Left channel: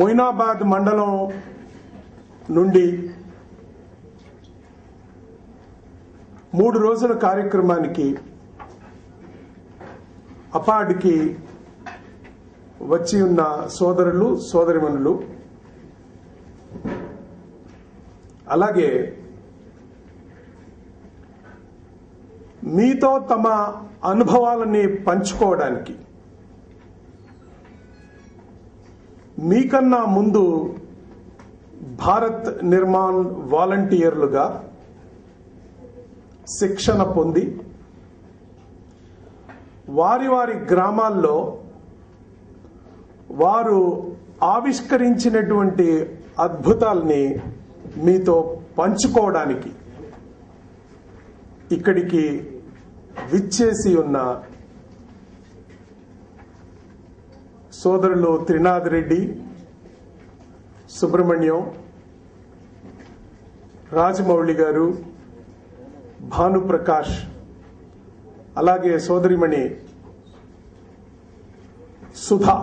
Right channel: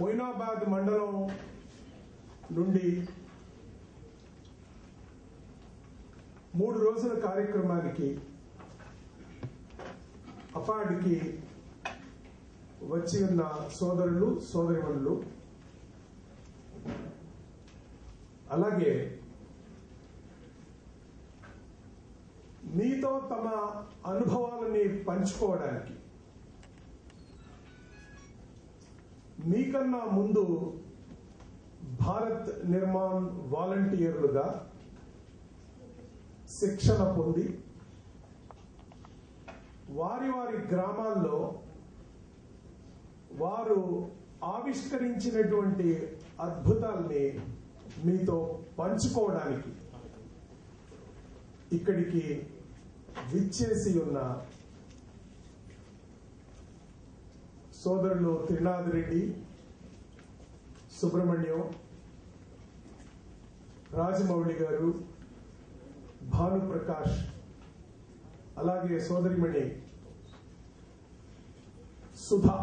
మొయినాబాద్ మండలం నుండి 3 రోజుల కార్యక్రమానికి అపాడ్కి వచ్చి ఉన్న సోదరులు సోదరిమణులు, అలాగే మీతో తమ అనుభవాలని పంచుకోవడానికి మీకన్నా ముందు భారత్ నిర్మాణ్ వాలంటీర్లుగా శిక్షణ పొంది వారి వారి గ్రామాల్లో వారు ఆవిష్కరించినటువంటి అద్భుతాల్ని మీతో పంచుకోవడానికి ఇక్కడికి విచ్చేసి ఉన్న సోదరులు త్రినాథ్ రెడ్డి, సుబ్రహ్మణ్యం, రాజమౌళి గారు, భానుప్రకాష్, అలాగే సోదరిమణి సుధా,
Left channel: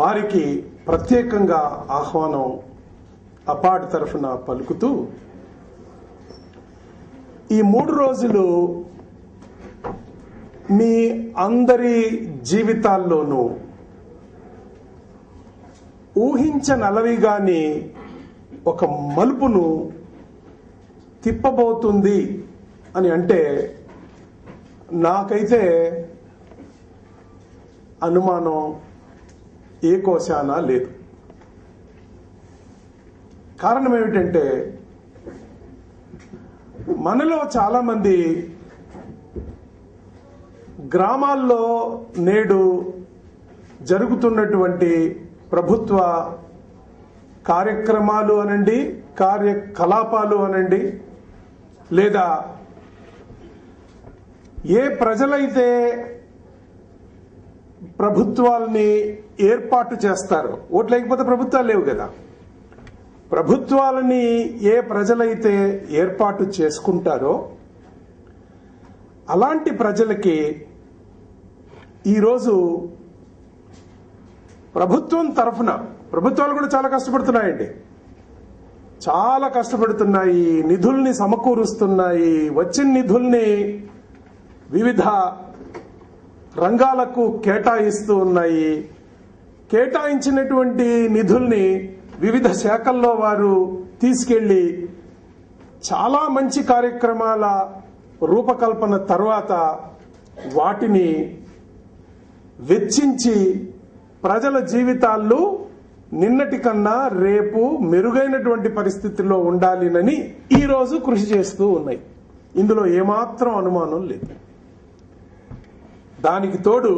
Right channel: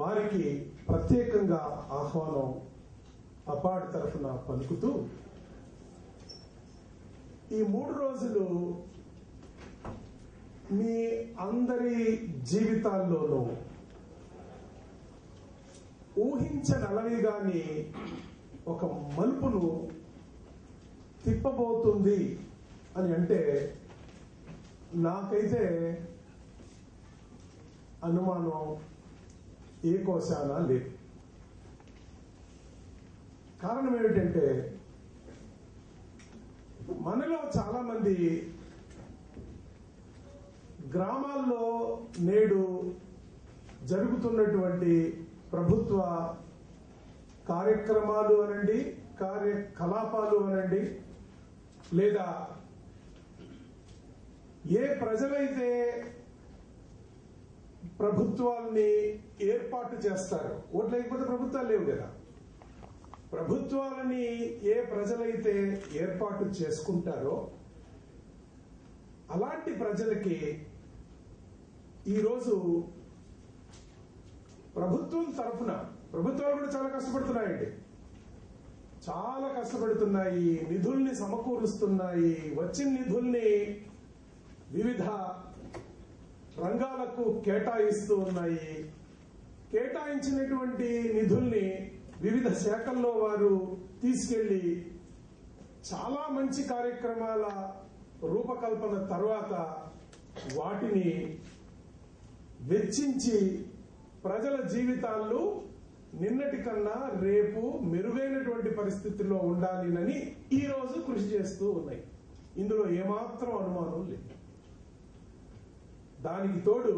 వారికి ప్రత్యేకంగా ఆహ్వానం అపాడ్ తరఫున పలుకుతూ, ఈ 3 రోజులు మీ అందరి జీవితాల్లోనూ ఊహించనలవిగాని ఒక మలుపును తిప్పబోతుంది అని అంటే నాకైతే అనుమానం ఏ కోశానా లేదు. కారణం ఏమిటంటే మనలో చాలామంది గ్రామాల్లో నేడు జరుగుతున్నటువంటి ప్రభుత్వ కార్యక్రమాలు అనండి, కార్యకలాపాలు అనండి, లేదా ఏ ప్రజలైతే ప్రభుత్వాల్ని ఏర్పాటు చేస్తారో, ఓట్లు లేకపోతే ప్రభుత్వాలు లేవు కదా, ప్రభుత్వాలని ఏ ప్రజలైతే ఏర్పాటు చేసుకుంటారో అలాంటి ప్రజలకి ఈరోజు ప్రభుత్వం తరఫున, ప్రభుత్వాలు కూడా చాలా కష్టపడుతున్నాయండి, చాలా కష్టపడుతున్నాయి, నిధుల్ని సమకూరుస్తున్నాయి, వచ్చిన నిధుల్ని వివిధ రంగాలకు కేటాయిస్తూ ఉన్నాయి. కేటాయించినటువంటి నిధుల్ని వివిధ శాఖల్లో వారు తీసుకెళ్లి చాలా మంచి కార్యక్రమాల రూపకల్పన తర్వాత వాటిని వెచ్చించి ప్రజల జీవితాల్లో నిన్నటి కన్నా రేపు మెరుగైనటువంటి పరిస్థితుల్లో ఉండాలినని ఈరోజు కృషి చేస్తూ ఉన్నాయి. ఇందులో ఏమాత్రం అనుమానం లేదు. దానికి తోడు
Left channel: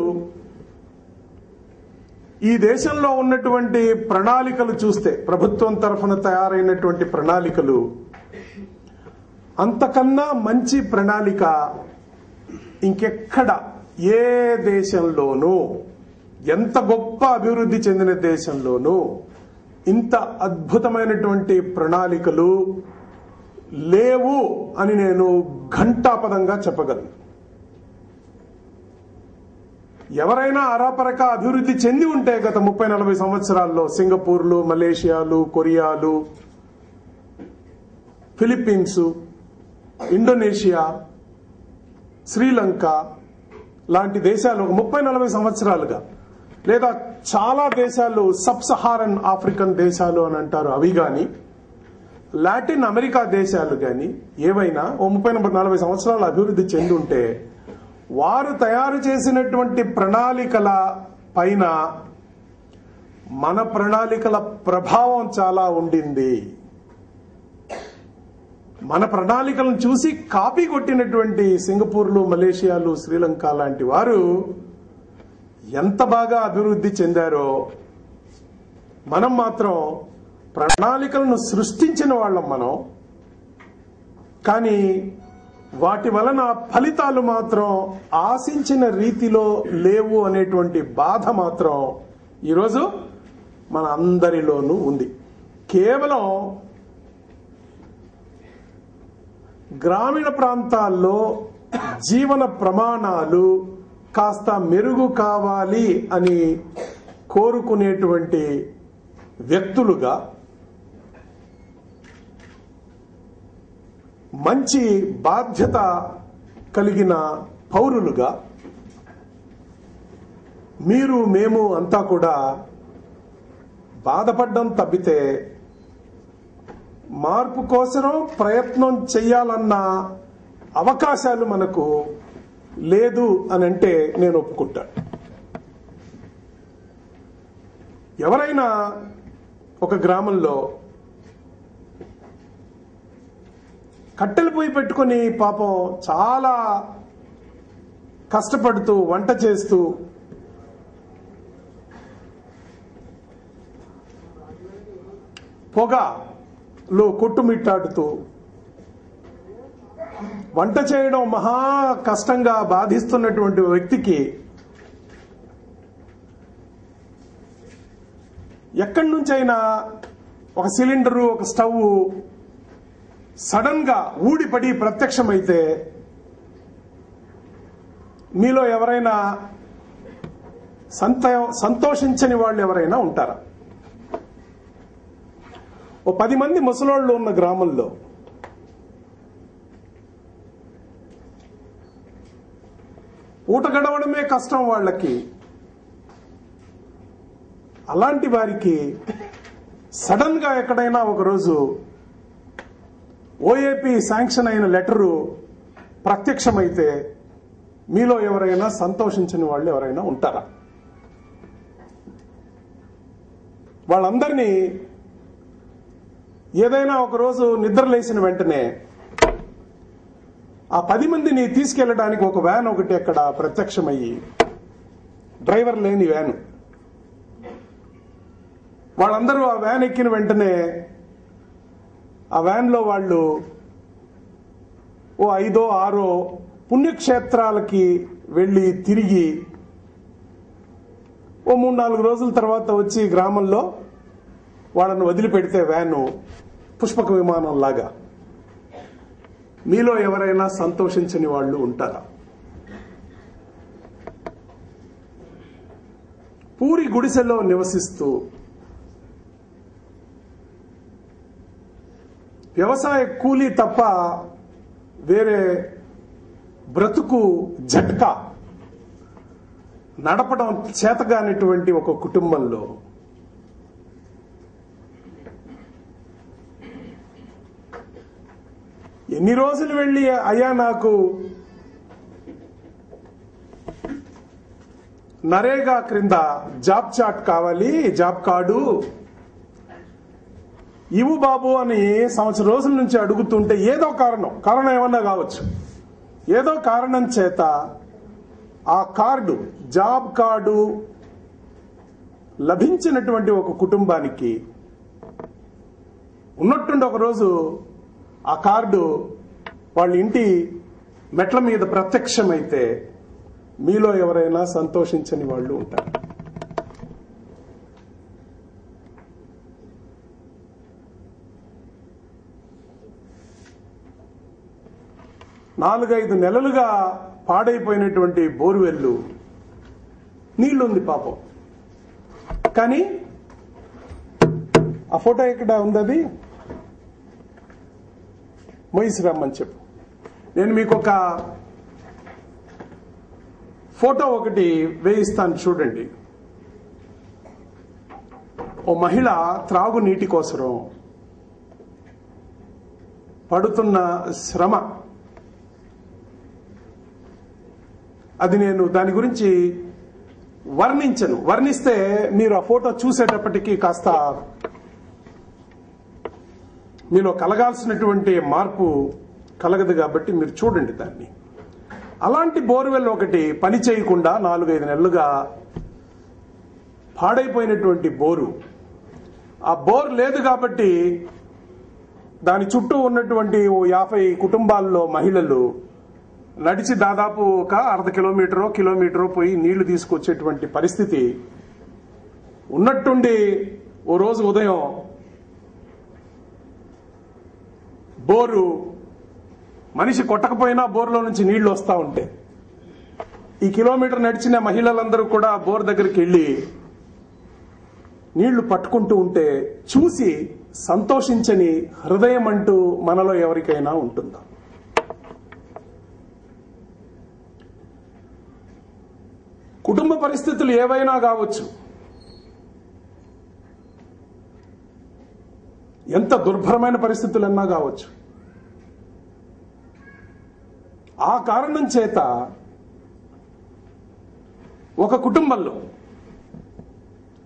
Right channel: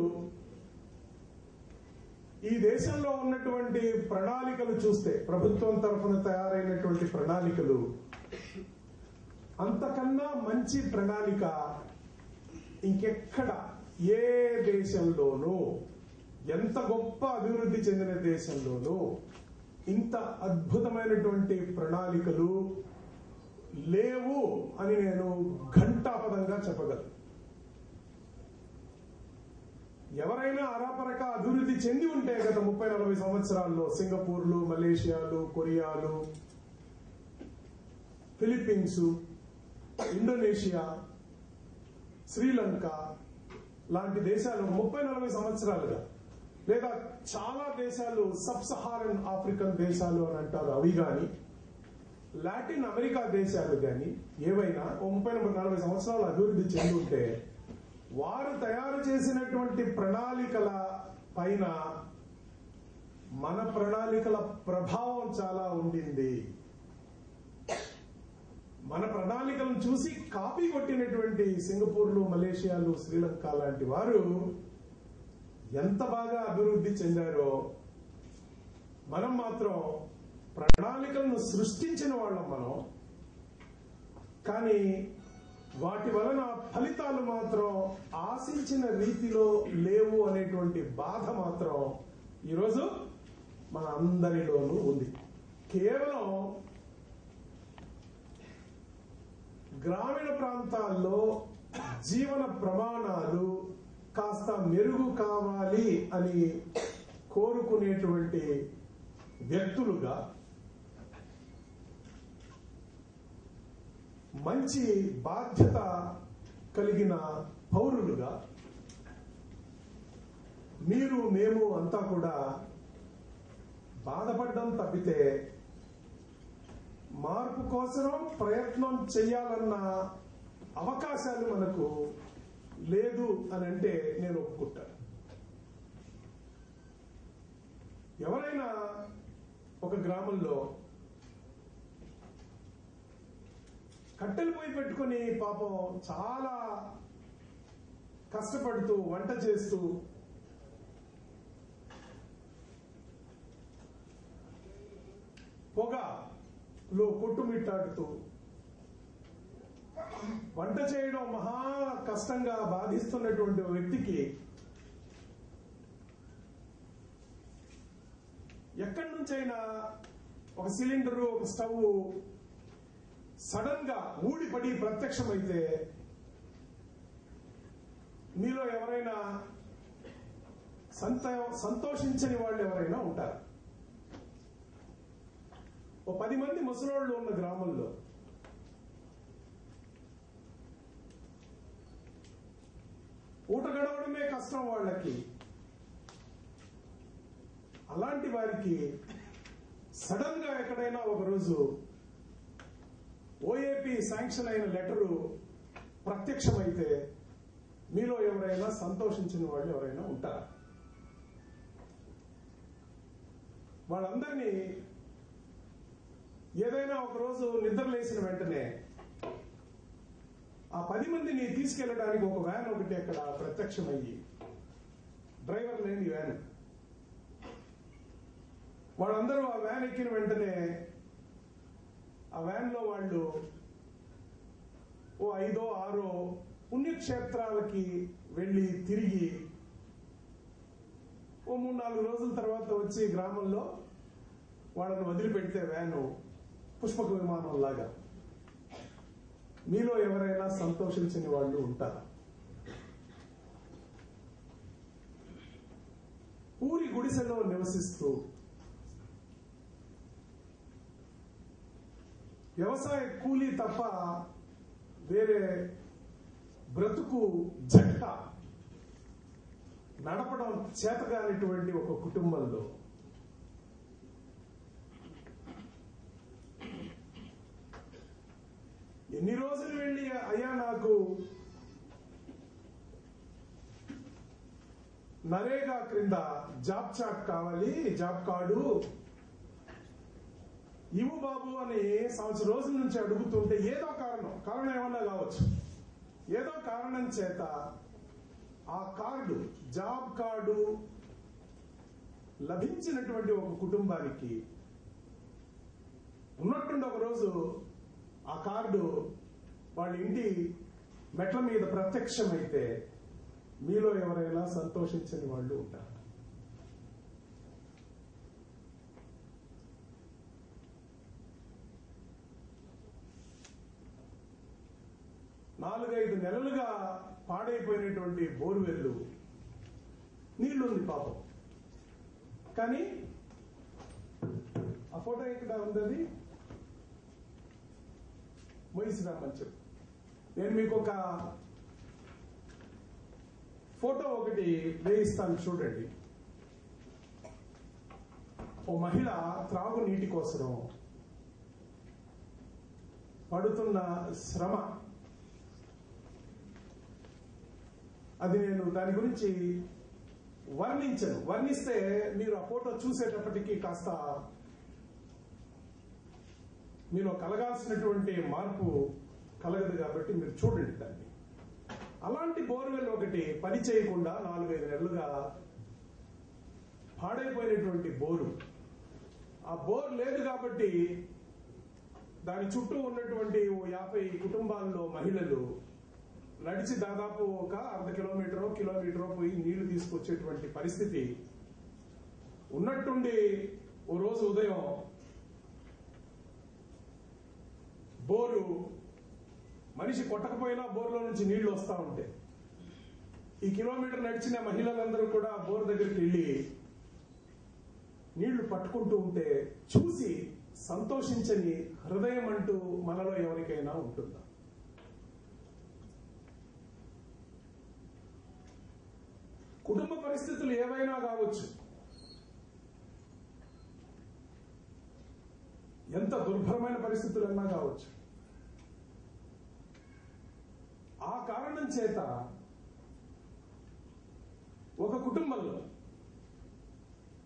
ఈ దేశంలో ఉన్నటువంటి ప్రణాళికలు చూస్తే, ప్రభుత్వం తరఫున తయారైనటువంటి ప్రణాళికలు, అంతకన్నా మంచి ప్రణాళిక ఇంకెక్కడ ఏ దేశంలోనూ, ఎంత గొప్ప అభివృద్ధి చెందిన దేశంలోనూ ఇంత అద్భుతమైనటువంటి ప్రణాళికలు లేవు అని నేను ఘంటాపదంగా చెప్పగలను. ఎవరైనా అరాపరక అభివృద్ధి చెంది ఉంటే గత 30-40 సంవత్సరాల్లో సింగపూర్లు, మలేషియాలు, కొరియాలు, ఫిలిప్పీన్స్, ఇండోనేషియా, శ్రీలంక లాంటి దేశాలు 30-40 సంవత్సరాలుగా, లేదా చాలా దేశాలు సబ్ సహారన్ ఆఫ్రికన్ దేశాలు అని అంటారు, అవి కానీ, లాటిన్ అమెరికా దేశాలు కానీ ఏవైనా 30-40 సంవత్సరాలు అభివృద్ధి చెంది ఉంటే వారు తయారు చేసినటువంటి ప్రణాళికల పైన మన ప్రణాళికల ప్రభావం చాలా ఉండింది. మన ప్రణాళికలను చూసి కాపీ కొట్టినటువంటి సింగపూర్లు, మలేషియాలు, శ్రీలంక లాంటి వారు ఎంత బాగా అభివృద్ధి చెందారో మనం మాత్రం ప్రణాళికలను సృష్టించిన వాళ్ళం మనం. కానీ వాటి వలన ఫలితాలు మాత్రం ఆశించిన రీతిలో లేవు అనేటువంటి బాధ మాత్రం ఈరోజు మన అందరిలోనూ ఉంది. కేవలం గ్రామీణ ప్రాంతాల్లో జీవన ప్రమాణాలు కాస్త మెరుగు కావాలి అని కోరుకునేటువంటి వ్యక్తులుగా, మంచి బాధ్యత కలిగిన పౌరులుగా మీరు మేము అంతా కూడా బాధపడ్డం తప్పితే మార్పు కోసం ప్రయత్నం చేయాలన్న అవకాశాలు మనకు లేదు అని అంటే నేను ఒప్పుకుంటాను. ఎవరైనా ఒక గ్రామంలో కట్టెలు పొయ్యి పెట్టుకొని పాపం చాలా కష్టపడుతూ వంట చేస్తూ పొగలో కొట్టుమిట్టాడుతూ వంట చేయడం మహా కష్టంగా బాధిస్తున్నటువంటి వ్యక్తికి ఎక్కడి నుంచైనా ఒక సిలిండరు, ఒక స్టవ్ సడన్ గా ఊడిపడి ప్రత్యక్షమైతే మీలో ఎవరైనా సంతోషించని వాళ్ళు ఎవరైనా ఉంటారా? ఓ 10 మంది ముసలోళ్ళు ఉన్న గ్రామంలో పూట గడవడమే కష్టం వాళ్ళకి. అలాంటి వారికి సడన్ గా ఎక్కడైనా ఒకరోజు ఓఏపీ శాంక్షన్ అయిన లెటరు ప్రత్యక్షమైతే మీలో ఎవరైనా సంతోషించని వాళ్ళు ఎవరైనా ఉంటారా? వాళ్ళందరినీ ఏదైనా ఒకరోజు నిద్ర లేచిన వెంటనే ఆ 10 మందిని తీసుకెళ్లడానికి ఒక వ్యాన్ ఒకటి అక్కడ ప్రత్యక్షమయ్యి, డ్రైవర్ లేని వ్యాను, వాళ్ళందరూ ఆ వ్యాన్ ఎక్కిన వెంటనే ఆ వ్యాన్లో వాళ్ళు ఓ 5 or 6 పుణ్యక్షేత్రాలకి వెళ్ళి తిరిగి ఓ 3-4 రోజుల తర్వాత వచ్చి గ్రామంలో వాళ్ళను వదిలిపెడితే వ్యాను పుష్పక విమానం లాగా మీలో ఎవరైనా సంతోషించని వాళ్ళు ఉంటారా? పూరి గుడిసెలో నివసిస్తూ వ్యవసాయ కూలీ తప్ప వేరే బ్రతుకు జట్కా నడపడం చేతగానిటువంటి ఒక కుటుంబంలో ఎన్ని రోజులు వెళ్ళి అయ్యా నాకు నరేగా క్రింద జాబ్ చాట్ కావాలి, జాబ్ కార్డు ఇవు బాబు అని సంవత్సరం రోజుల నుంచి అడుగుతుంటే ఏదో కారణం ఏమన్నా కావచ్చు, ఏదో కారణం చేత ఆ కార్డు, జాబ్ కార్డు లభించినటువంటి ఒక కుటుంబానికి ఉన్నట్టుండి ఒకరోజు ఆ కార్డు వాళ్ళ ఇంటి మెట్ల మీద ప్రత్యక్షమైతే మీలో ఎవరైనా సంతోషించని వాళ్ళు ఉంటారు. 4-5 నెలలుగా పాడైపోయినటువంటి బోర్వెల్లు నీళ్లుంది పాపం. కానీ ఆ ఫోటో ఎక్కడ ఉంది? అది మొయిసిరమ్మని చెప్పు. నేను మీకు ఒక ఫోటో ఒకటి వేయిస్తాను, చూడండి. ఓ మహిళ త్రాగునీటి కోసం పడుతున్న శ్రమ, అది నేను దాని గురించి వర్ణించను. వర్ణిస్తే మీరు ఆ ఫోటో చూసేటప్పటికీ కాస్త మీలో కలగాల్సినటువంటి మార్పు కలగదు కాబట్టి మీరు చూడండి దాన్ని. అలాంటి బోర్వెల్ ఒకటి పని చేయకుండా 4-5 నెలలుగా పాడైపోయినటువంటి బోరు. ఆ బోర్ లేదు కాబట్టి దాని చుట్టూ ఉన్నటువంటి 50 కుటుంబాల్లో మహిళలు నడిచి దాదాపు ఒక అర్ధ కిలోమీటరో పోయి నీళ్లు తీసుకొచ్చేటువంటి పరిస్థితి ఉన్నట్టుండి ఓ రోజు ఉదయం బోరు మనిషి కొట్టకపోయినా బోర్లో నుంచి నీళ్లు వస్తూ ఉంటే ఈ కిలోమీటర్ నడిచిన మహిళలందరూ కూడా బోర్ దగ్గరికి వెళ్ళి నీళ్లు పట్టుకుంటూ ఉంటే చూసి సంతోషించని హృదయం అంటూ మనలో ఎవరికైనా ఉంటుందా? కుటుంబ పరిస్థితులు ఏవైనా కావచ్చు, ఎంత దుర్భరమైన పరిస్థితులన్నా కావచ్చు, ఆ కారణం చేత ఒక కుటుంబంలో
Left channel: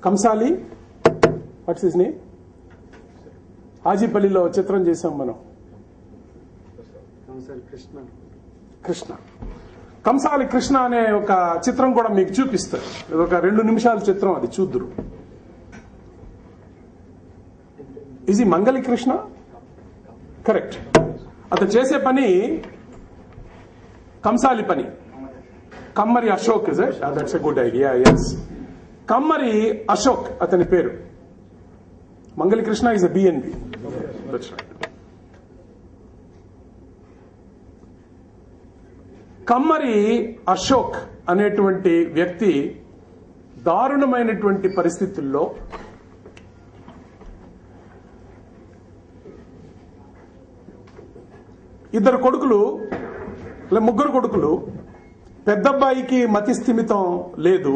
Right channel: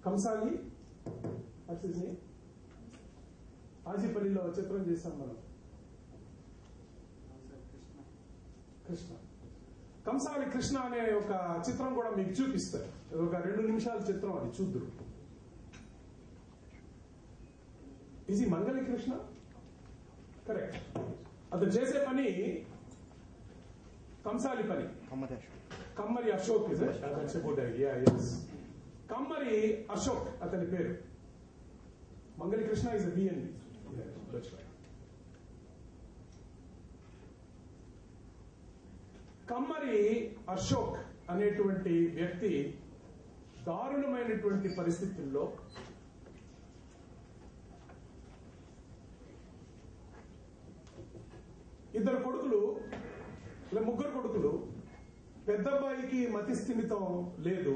కంసాలి, వాట్స్ హిస్ నేమ్, హాజీపల్లిలో చిత్రం చేశాం మనం, కృష్ణ, కంసాలి కృష్ణ అనే ఒక చిత్రం కూడా మీకు చూపిస్తారు. ఇది ఒక 2 నిమిషాల చిత్రం, అది చూద్దురు. ఇది మంగళి కృష్ణ, కరెక్ట్. అతను చేసే పని కంసాలి పని. Kammari Ashok, that's a good idea. Yes, Kammari Ashok అతని పేరు. Mangali Krishna is a BNB. That's right. Kammari Ashok అనేటువంటి వ్యక్తి దారుణమైనటువంటి పరిస్థితుల్లో ఇద్దరు కొడుకులు, ముగ్గురు కొడుకులు. పెద్దబ్బాయికి మతి స్థిమితం లేదు.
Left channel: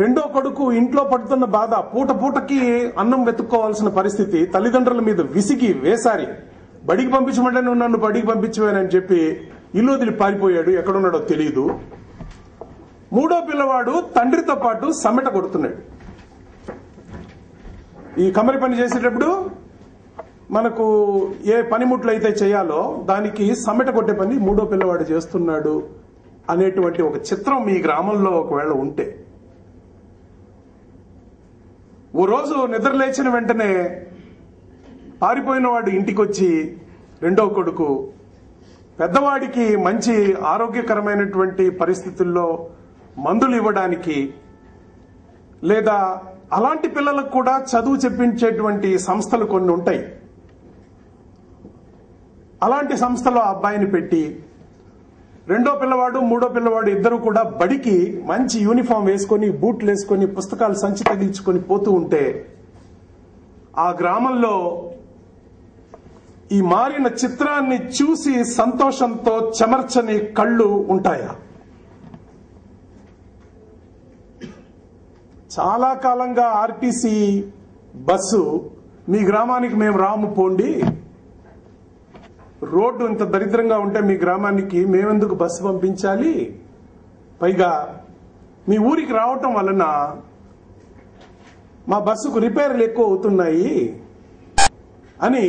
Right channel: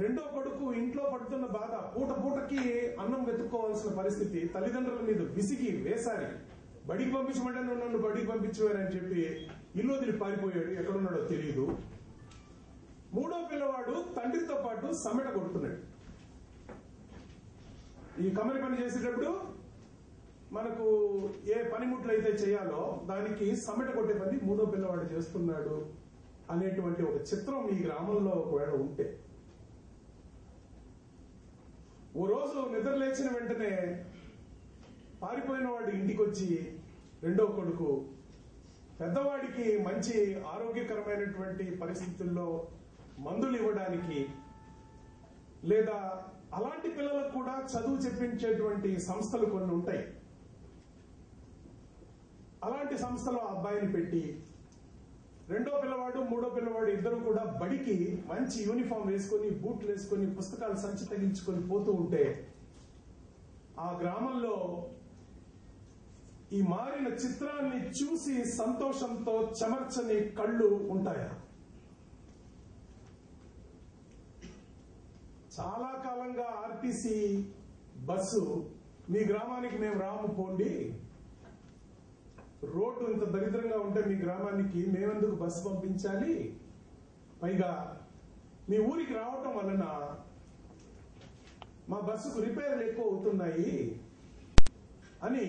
రెండో కొడుకు ఇంట్లో పడుతున్న బాధ, పూట పూటకి అన్నం వెతుక్కోవాల్సిన పరిస్థితి, తల్లిదండ్రుల మీద విసిగి వేసారి బడికి పంపించమంటే నువ్వు నన్ను బడికి పంపించవేనని చెప్పి ఇల్లు వదిలి పారిపోయాడు. ఎక్కడున్నాడో తెలియదు. మూడో పిల్లవాడు తండ్రితో పాటు సమెట కొడుతున్నాడు. ఈ కమ్మరి పని చేసేటప్పుడు మనకు ఏ పనిముట్లు అయితే చేయాలో దానికి సమెట కొట్టే పని మూడో పిల్లవాడు చేస్తున్నాడు అనేటువంటి ఒక చిత్రం మీ గ్రామంలో ఒకవేళ ఉంటే, ఓ రోజు నిద్ర లేచిన వెంటనే పారిపోయిన వాడు ఇంటికొచ్చి రెండో కొడుకు పెద్దవాడికి మంచి ఆరోగ్యకరమైనటువంటి పరిస్థితుల్లో మందులు ఇవ్వడానికి, లేదా అలాంటి పిల్లలకు కూడా చదువు చెప్పించేటువంటి సంస్థలు కొన్ని ఉంటాయి, అలాంటి సంస్థలో అబ్బాయిని పెట్టి రెండో పిల్లవాడు మూడో పిల్లవాడు ఇద్దరు కూడా బడికి మంచి యూనిఫామ్ వేసుకొని, బూట్లు వేసుకొని, పుస్తకాలు సంచి తగిలించుకొని పోతూ ఉంటే ఆ గ్రామంలో ఈ మారిన చిత్రాన్ని చూసి సంతోషంతో చెమర్చని కళ్ళు ఉంటాయా? చాలా కాలంగా ఆర్టీసీ బస్సు మీ గ్రామానికి మేము రాము పోండి, రోడ్డు ఇంత దరిద్రంగా ఉంటే మీ గ్రామానికి మేమెందుకు బస్సు పంపించాలి, పైగా మీ ఊరికి రావటం వలన మా బస్సుకు రిపేర్లు ఎక్కువ అవుతున్నాయి అని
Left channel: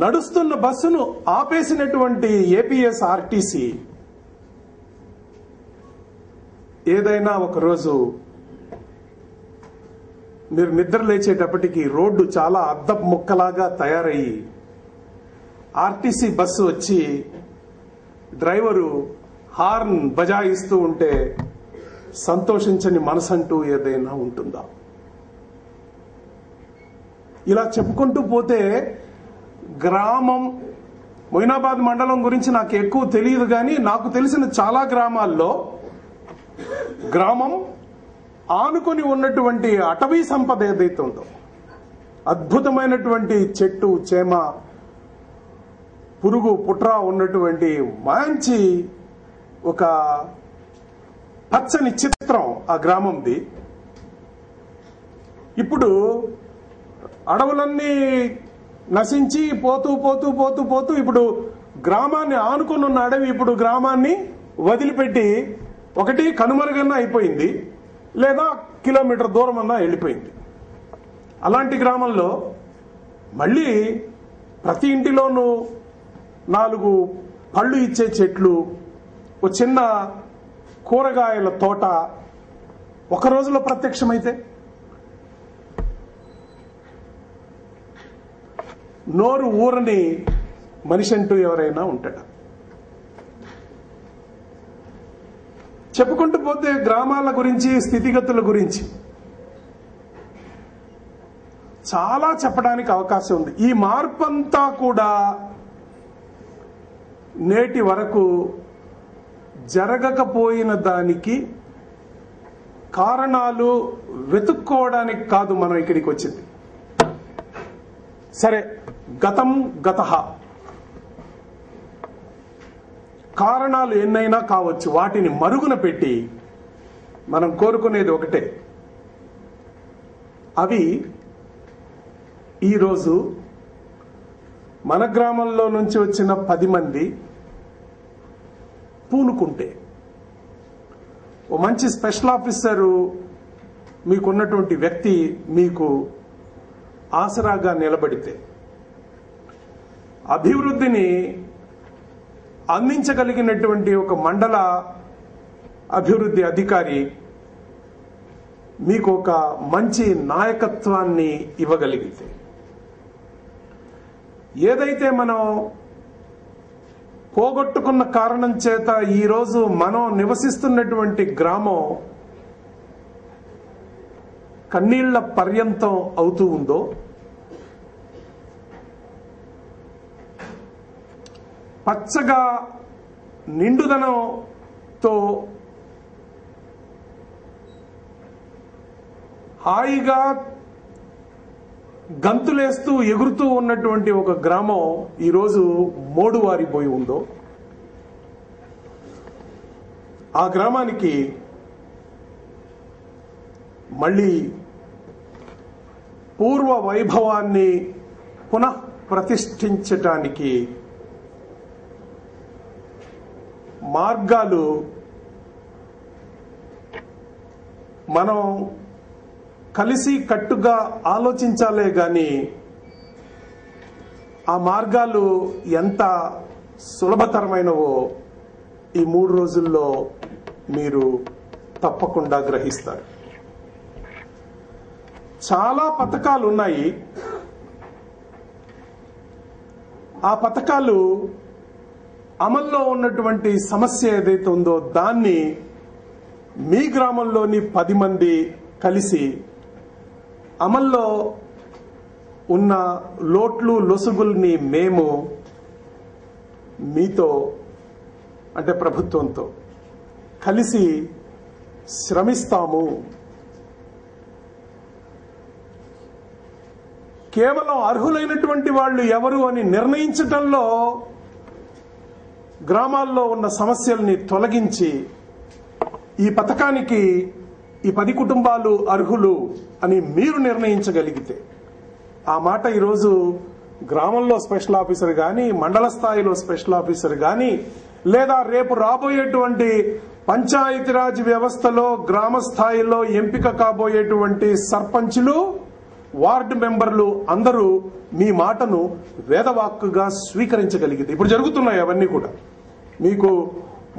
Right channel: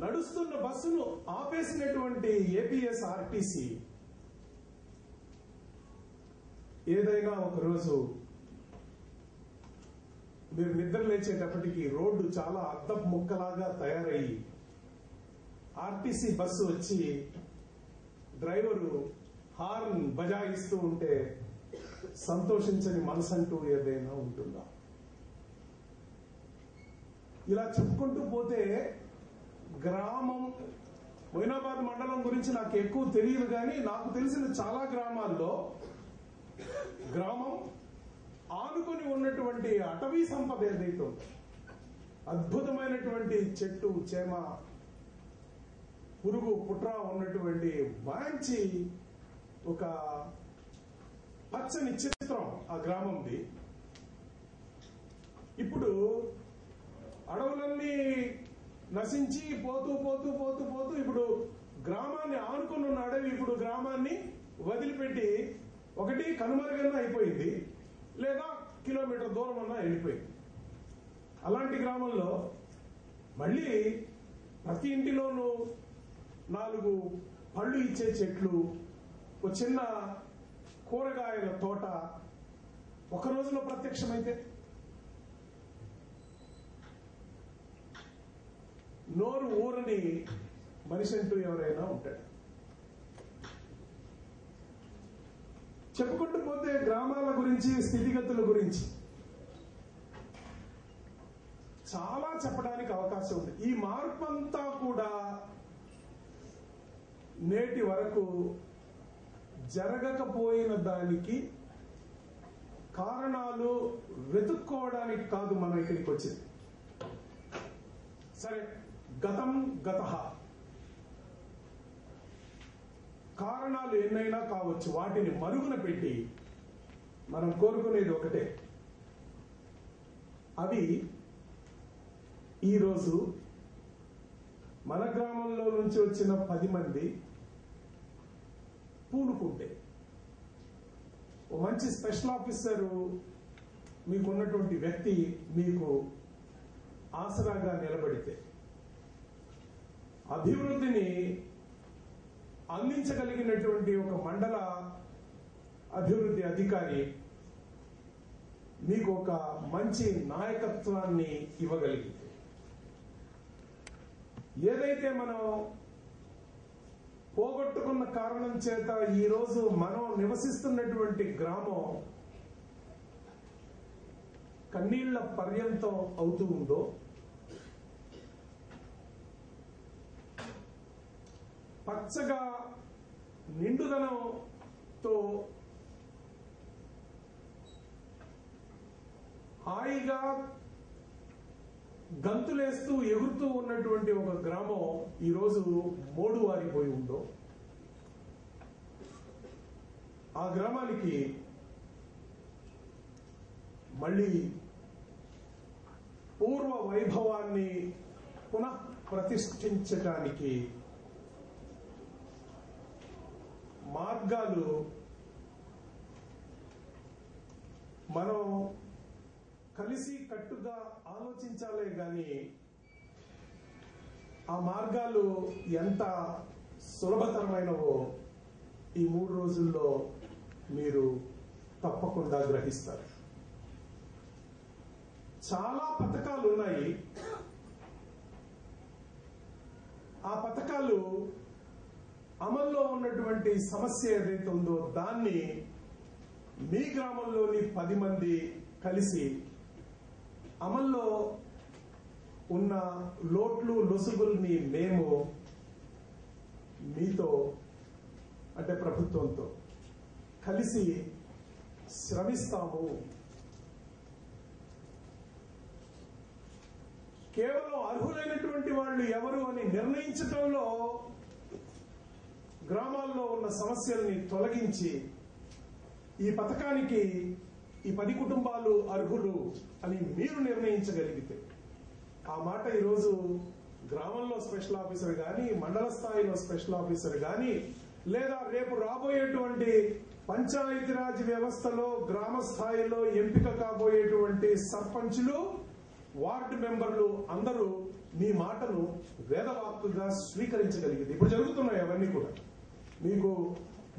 నడుస్తున్న బస్సును ఆపేసినటువంటి ఏపీఎస్ ఆర్టీసీ ఏదైనా ఒకరోజు మీరు నిద్ర లేచేటప్పటికి రోడ్డు చాలా అద్దపు ముక్కలాగా తయారయ్యి ఆర్టీసీ బస్సు వచ్చి డ్రైవరు హార్న్ బజాయిస్తూ ఉంటే సంతోషించని మనసంటూ ఏదైనా ఉంటుందా? ఇలా చెప్పుకుంటూ పోతే గ్రామం, మొయినాబాద్ మండలం గురించి నాకు ఎక్కువ తెలియదు, కానీ నాకు తెలిసిన చాలా గ్రామాల్లో గ్రామం ఆనుకొని ఉన్నటువంటి అటవీ సంపద ఏదైతే ఉందో, అద్భుతమైనటువంటి చెట్టు చేమ పురుగు పుట్రా ఉన్నటువంటి మంచి ఒక పచ్చని చిత్రం ఆ గ్రామంది. ఇప్పుడు అడవులన్నీ నశించి పోతూ పోతూ పోతూ పోతూ ఇప్పుడు గ్రామాన్ని ఆనుకుని ఉన్న అడవి ఇప్పుడు గ్రామాన్ని వదిలిపెట్టి ఒకటి కనుమరుగన్నా అయిపోయింది, లేదా కిలోమీటర్ దూరం అన్నా వెళ్ళిపోయింది. అలాంటి గ్రామంలో మళ్ళీ ప్రతి ఇంటిలోనూ 4 పళ్ళు ఇచ్చే చెట్లు, ఒక చిన్న కూరగాయల తోట ఒక రోజులో ప్రత్యక్షమైతే నోరు ఊరని మనిషి అంటూ ఎవరైనా ఉంటాడా? చెప్పుకుంటూ పోతే గ్రామాల గురించి, స్థితిగతుల గురించి చాలా చెప్పడానికి అవకాశం ఉంది. ఈ మార్పంతా కూడా నేటి వరకు జరగకపోయిన దానికి కారణాలు వెతుక్కోవడానికి కాదు మనం ఇక్కడికి వచ్చింది. సరే, గతం గతః, కారణాలు ఎన్నైనా కావచ్చు. వాటిని మరుగున పెట్టి మనం కోరుకునేది ఒకటే, అవి ఈరోజు మన గ్రామంలో నుంచి వచ్చిన 10 మంది పూనుకుంటే, ఓ మంచి స్పెషల్ ఆఫీసరు మీకున్నటువంటి వ్యక్తి మీకు ఆసరాగా నిలబడితే, అభివృద్ధిని అందించగలిగినటువంటి ఒక మండల అభివృద్ధి అధికారి మీకు ఒక మంచి నాయకత్వాన్ని ఇవ్వగలిగితే, ఏదైతే మనం పోగొట్టుకున్న కారణం చేత ఈరోజు మనం నివసిస్తున్నటువంటి గ్రామం కన్నీళ్ల పర్యంతం అవుతూ ఉందో, పచ్చగా నిండుదనంతో హాయిగా గంతులేస్తూ ఎగురుతూ ఉన్నటువంటి ఒక గ్రామం ఈరోజు మోడువారిపోయి ఉందో, ఆ గ్రామానికి మళ్ళీ పూర్వ వైభవాన్ని పునః ప్రతిష్ఠించటానికి మార్గాలు మనం కలిసి కట్టుగా ఆలోచించాలే గాని ఆ మార్గాలు ఎంత సులభతరమైనవో ఈ 3 రోజుల్లో మీరు తప్పకుండా గ్రహిస్తారు. చాలా పథకాలు ఉన్నాయి. ఆ పథకాలు అమల్లో ఉన్నటువంటి సమస్య ఏదైతే ఉందో దాన్ని మీ గ్రామంలోని 10 మంది కలిసి అమల్లో ఉన్న లోట్లు లొసుగుల్ని మేము మీతో, అంటే ప్రభుత్వంతో కలిసి శ్రమిస్తాము. కేవలం అర్హులైనటువంటి వాళ్ళు ఎవరు అని నిర్ణయించటంలో గ్రామాల్లో ఉన్న సమస్యల్ని తొలగించి ఈ పథకానికి ఈ 10 కుటుంబాలు అర్హులు అని మీరు నిర్ణయించగలిగితే, ఆ మాట ఈరోజు గ్రామంలో స్పెషల్ ఆఫీసర్ కానీ, మండల స్థాయిలో స్పెషల్ ఆఫీసర్ కానీ, లేదా రేపు రాబోయేటువంటి పంచాయతీరాజ్ వ్యవస్థలో గ్రామ స్థాయిలో ఎంపిక కాబోయేటువంటి సర్పంచులు, వార్డు మెంబర్లు అందరూ మీ మాటను వేదవాక్కుగా స్వీకరించగలిగితే, ఇప్పుడు జరుగుతున్నాయి అవన్నీ కూడా. మీకు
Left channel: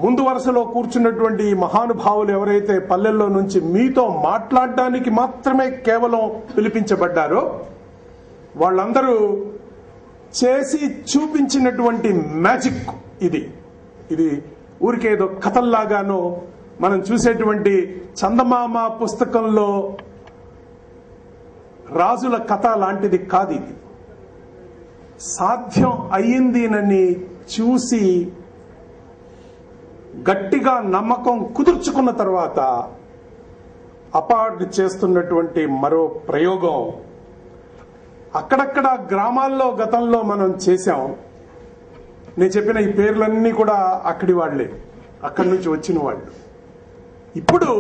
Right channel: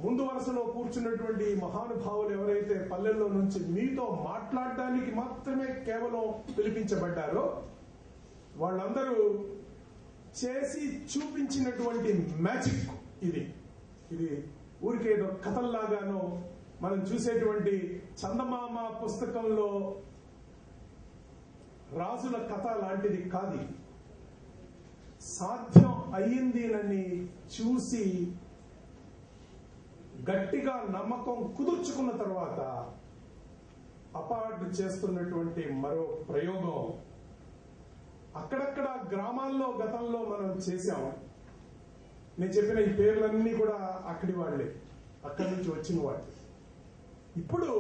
ముందు వరుసలో కూర్చున్నటువంటి మహానుభావులు ఎవరైతే పల్లెల్లో నుంచి మీతో మాట్లాడడానికి మాత్రమే కేవలం పిలిపించబడ్డారో వాళ్ళందరూ చేసి చూపించినటువంటి మ్యాజిక్ ఇది. ఇది ఊరికేదో కథల్లాగానో మనం చూసేటువంటి చందమామ పుస్తకంలో రాజుల కథ లాంటిది కాదు. ఇది సాధ్యం అయ్యిందినని చూసి గట్టిగా నమ్మకం కుదుర్చుకున్న తర్వాత అపార్ట్ చేస్తున్నటువంటి మరో ప్రయోగం. అక్కడక్కడ గ్రామాల్లో గతంలో మనం చేశాం. నేను చెప్పిన ఈ పేర్లన్నీ కూడా అక్కడి వాళ్లే, అక్కడి నుంచి వచ్చిన వాళ్ళు. ఇప్పుడు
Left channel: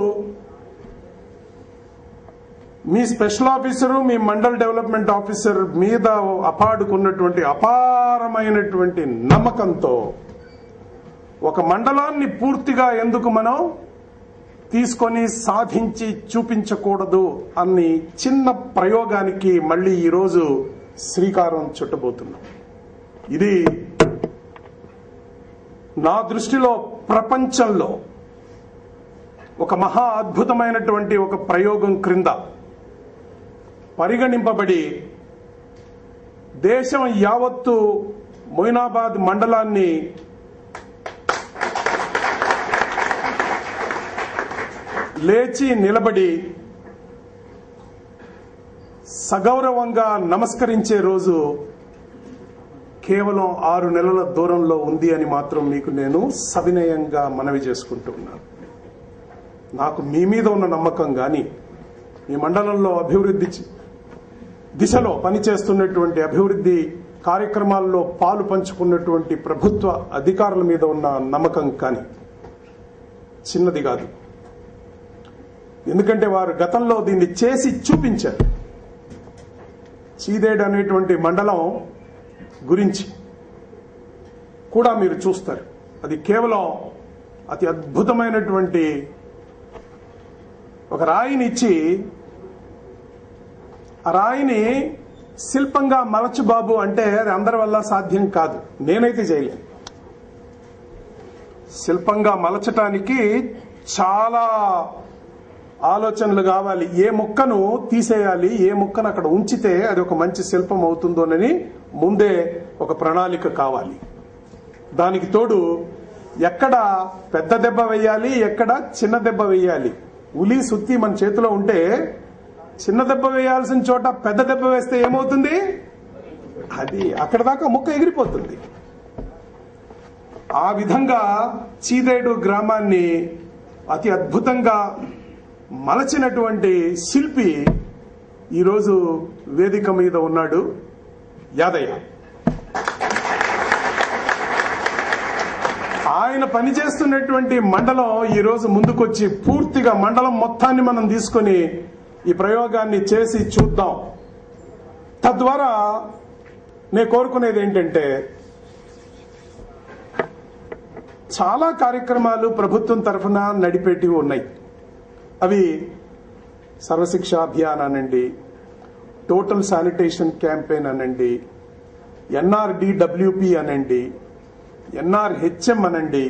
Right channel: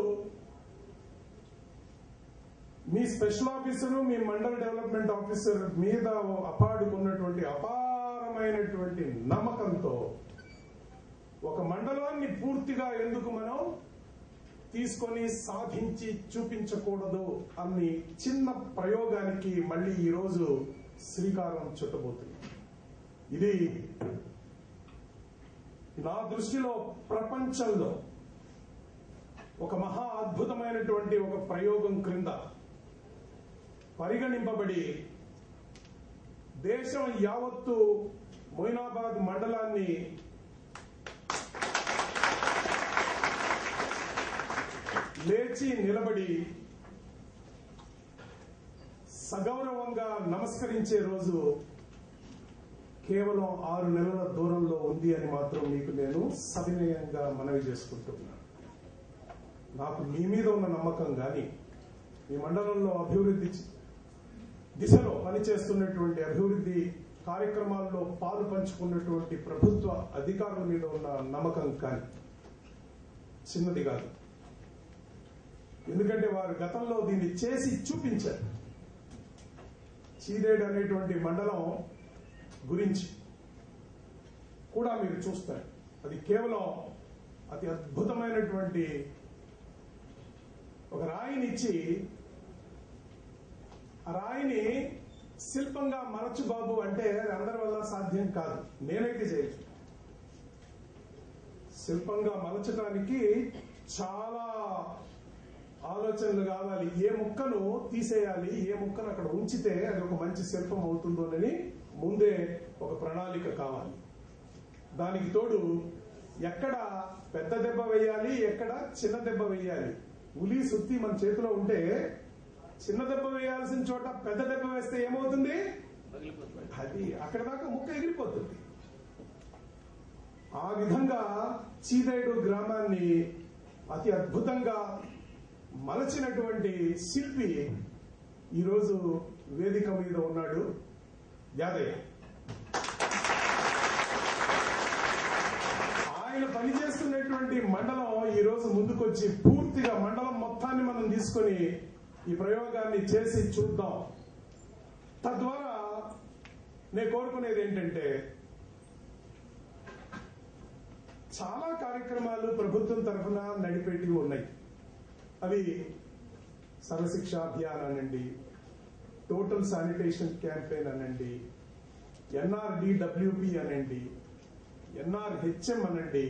మీ స్పెషల్ ఆఫీసరు, మీ మండల్ డెవలప్మెంట్ ఆఫీసర్ మీద అపాడుకున్నటువంటి అపారమైనటువంటి నమ్మకంతో ఒక మండలాన్ని పూర్తిగా ఎందుకు మనం తీసుకొని సాధించి చూపించకూడదు అన్ని చిన్న ప్రయోగానికి మళ్ళీ ఈరోజు శ్రీకారం చుట్టబోతున్నాం. ఇది నా దృష్టిలో ప్రపంచంలో ఒక మహా అద్భుతమైనటువంటి ఒక ప్రయోగం క్రింద పరిగణింపబడి దేశం యావత్తు మొయినాబాద్ మండలాన్ని లేచి నిలబడి సగౌరవంగా నమస్కరించే రోజు కేవలం 6 నెలల దూరంలో ఉంది అని మాత్రం మీకు నేను సవినయంగా మనవి చేసుకుంటూ ఉన్నాను. నాకు మీ మీద ఉన్న నమ్మకం కానీ, మీ మండలంలో అభివృద్ధి దిశలో పనిచేస్తున్నటువంటి అభివృద్ధి కార్యక్రమాల్లో పాలు పంచుకున్నటువంటి ప్రభుత్వ అధికారుల మీద ఉన్న నమ్మకం కానీ చిన్నది కాదు. ఎందుకంటే వారు గతంలో దీన్ని చేసి చూపించారు. చీదేడు అనేటువంటి మండలం గురించి కూడా మీరు చూస్తారు. అది కేవలం అతి అద్భుతమైనటువంటి ఒక రాయిని ఇచ్చి, ఆ రాయిని శిల్పంగా మలచు బాబు అంటే అది అందరి వల్ల సాధ్యం కాదు. నేనైతే చేయలేను. శిల్పంగా మలచటానికి చాలా ఆలోచనలు కావాలి. ఏ ముక్కను తీసేయాలి, ఏ ముక్కను అక్కడ ఉంచితే అది ఒక మంచి శిల్పం అవుతుందోనని ముందే ఒక ప్రణాళిక కావాలి. దానికి తోడు ఎక్కడ పెద్ద దెబ్బ వేయాలి, ఎక్కడ చిన్న దెబ్బ వేయాలి. ఉలి సుత్తి మన చేతిలో ఉంటే చిన్న దెబ్బ వేయాల్సిన చోట పెద్ద దెబ్బ వేస్తే ఏమవుతుంది? అది అక్కడ దాకా ముక్క ఎగిరిపోతుంది. ఆ విధంగా చీదేడు గ్రామాన్ని అతి అద్భుతంగా మలచినటువంటి శిల్పి ఈరోజు వేదిక మీద ఉన్నాడు, యాదయ్య. ఆయన పనిచేస్తున్నటువంటి మండలం ఈరోజు ముందుకొచ్చి పూర్తిగా మండలం మొత్తాన్ని మనం తీసుకొని ఈ ప్రయోగాన్ని చేసి చూద్దాం. తద్వారా నేను కోరుకునేది ఏంటంటే, చాలా కార్యక్రమాలు ప్రభుత్వం తరఫున నడిపేటివి ఉన్నాయి. అవి సర్వశిక్ష అభియాన్ అనండి, టోటల్ శానిటేషన్ క్యాంపెయిన్ అనండి, NRDWP అనండి, NRHM అనండి,